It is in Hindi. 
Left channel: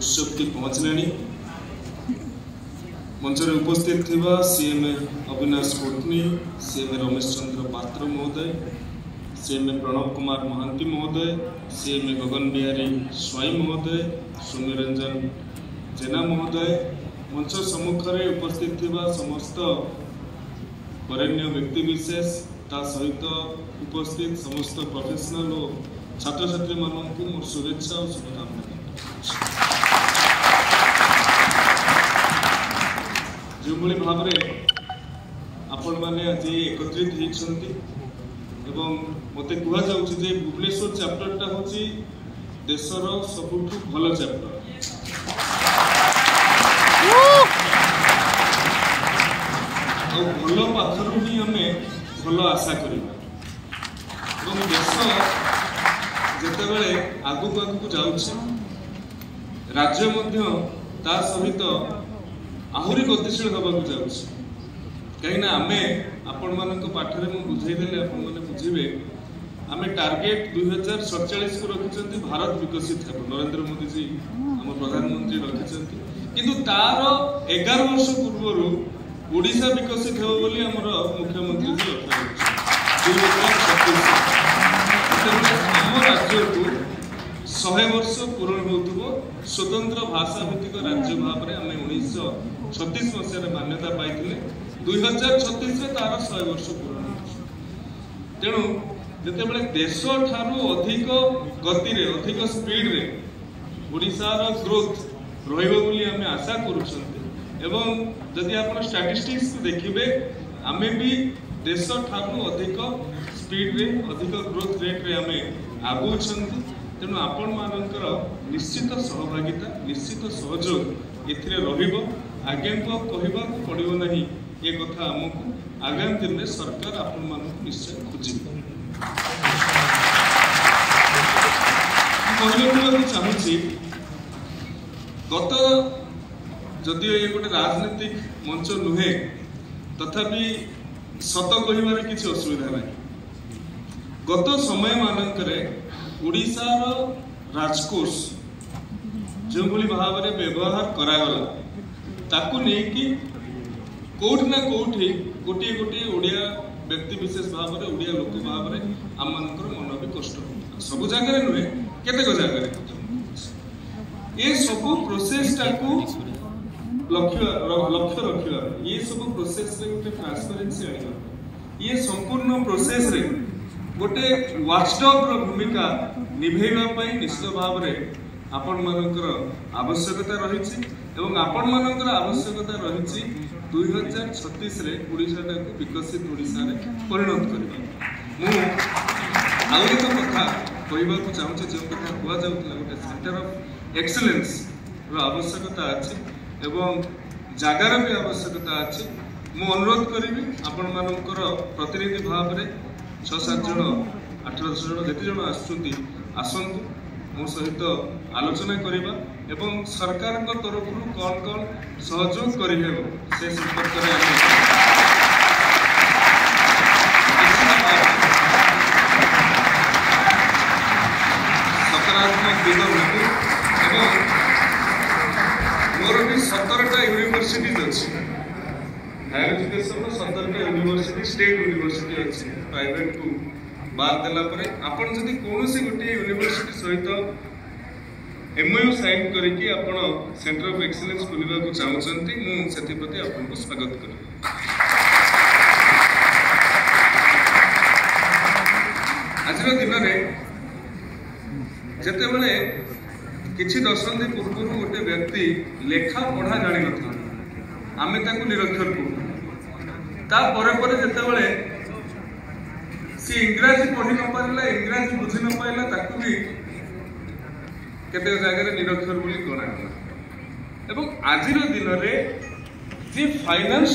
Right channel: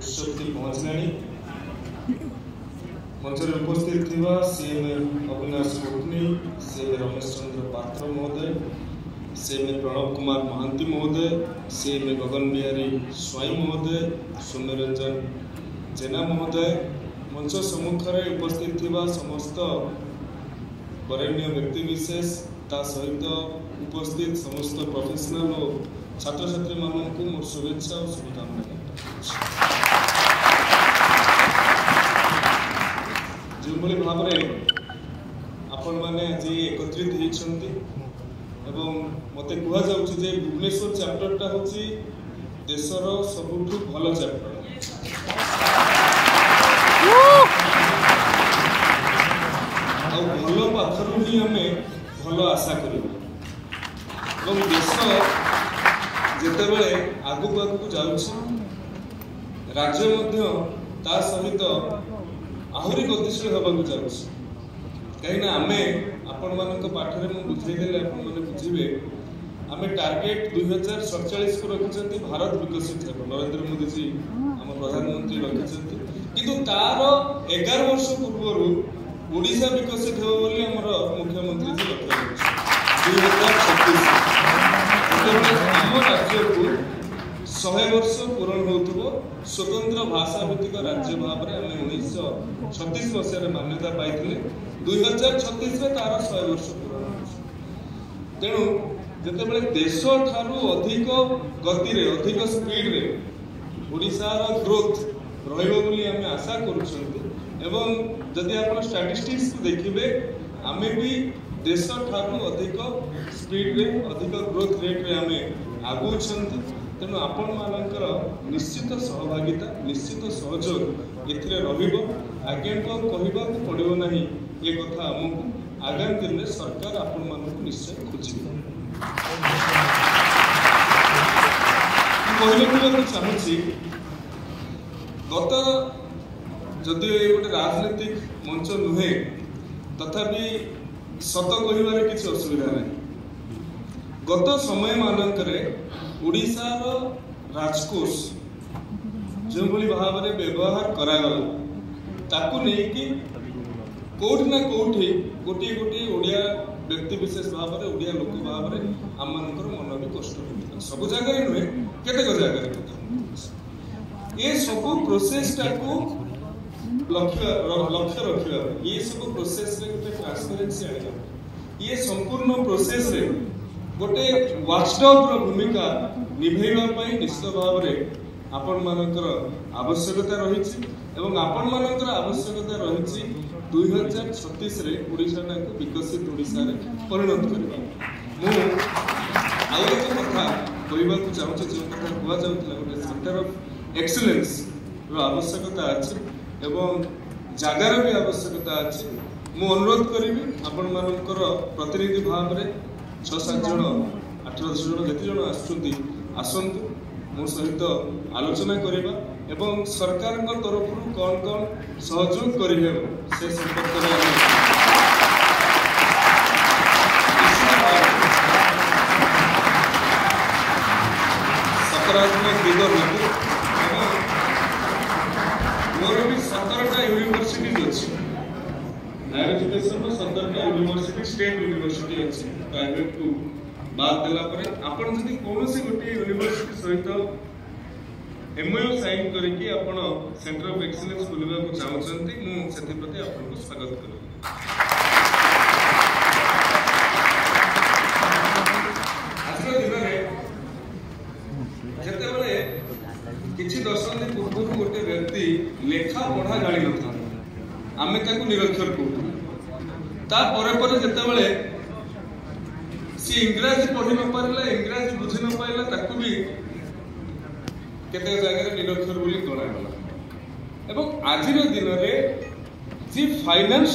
उत्सव की पहुंचलानी मंच में उपस्थित थिबा सीएम अविनाश कोटनी, सीएम रमेश चंद्र पात्र महोदय, सीएम प्रणव कुमार महांती महोदय, सीएम गगन बिहारी स्वाई महोदय, सौम्यरंजन जेना महोदय, मंच सम्मुख में उपस्थित थिबा समस्त वरेण्य व्यक्ति विशेष ता सहित उपस्थित समस्त प्रोफेशनल और छात्र छात्री मानक मोर शुभेच्छा और शुभकामना जो भाव में आपण मैंने आज एकत्रित होती मत कहुचे भुवनेश्वर चैप्टरटा हूँ देशर सबुठ भल चैप्टर भल पाखर ही आम भल आशा करवा देश जिते आगक आगक जाऊँ राज्य ता सहित आहरी गतिशील होगा जाऊँ कहीं आम आपण मान पाठे बुझेदे बुझे आम टार्गेट 2047 को रखिंट भारत विकसित है नरेंद्र मोदी जी आम प्रधानमंत्री रखिंट किंतु तार 11 वर्ष पूर्व ओडिशा विकसित हो मुख्यमंत्री जी लक्ष्य आम राज्य को 100 वर्ष पूरण हो स्वतंत्र भाषा भित्तिक राज्य भाव में आम 1936 मसीह मान्यता पाई 2036 तार 100 वर्ष पूर्ण तेणु जिते देश ठारू अधिक गति रे अधिक स्पीड रे ओडिशार ग्रोथ रही आशा करूँ जदि आप स्टैटिस्टिक्स देखिए आम भी देश ठारू अधिक स्पीड रे अधिक ग्रोथ रेट रे आम आगु तेणु आपण मानकर निश्चित सहभागिता निश्चित सहयोग एथिरे रहिबो आगे कहवा पड़ो ना ये कथा आमको आगामी दिन में सरकार आपण मानक निश्चय खोज चाहूँगी गत जदि गोटे राजनीतिक मंच नुहे तथापि सत कह किसी असुविधा ना गत समय मानक ओडिशार राजकोष जो भाव में व्यवहार करागला ताकू नहीं कौट ना कौटी गोटे गोटे ओडिया व्यक्ति विशेष भाव में ओडिया लोक भाव में आम मन भी कष्ट होता सब जगह नुहे केतेक जगह ये सब प्रोसेस टाकू लक्ष्य रखा ये सब प्रोसेस रे गोटे ट्रांसपेरेंसी आना ये संपूर्ण प्रोसेस रे गोटे वाचडॉग भूमिका निभेवा निश्चित भाव में आपण मानकर आवश्यकता रही आपण मानकर आवश्यकता रही 2036 रे ओडिशा को विकसित ओडिशा रे परिणत करबा आउ एक कथा कहबा को चाहूँ जो कथा हुआ जाउतला सेंटर ऑफ एक्सीलेंस रो आवश्यकता अछि एवं जगार भी आवश्यकता अछि मु अनुरोध करिवि आपण मानकर प्रतिनिधि भाव में 6-7 जन 8-10 जन जेते जन आसुंती आसंतु मो सहित आलोचना करबा एवं सरकार तरफ कौन कौन सहयोग करेंगे से संपर्क सकारात्मक दिग मोर भी 17टा यूनिवर्सिटीज अच्छी हायर एजुकेशन 17टा यूनिवर्सिटी स्टेट यूनिवर्सिटी अच्छी प्राइवेट को बाद देला परे आपण जदि कोनोसी गोटे यूनिवर्सिटी सहित एमओयू साइन करके आपण सेंटर ऑफ एक्सीलेंस खोलवा को चाहूचंती मु सेति प्रति आपण को स्वागत करू आज दिन में जते बेले किछि दशंधि पूर्व गोटे व्यक्ति लेखा पढ़ा जानि नथिला आमे ताकू निरक्षर करू ता परे परे जते बेले सी इंग्रजी पढ़ी न पारला इंग्रजी बुझी न पाइला ताकू भी केते जगह निरक्षर बोली गणा एवं आज दिन में जी फाइनेंस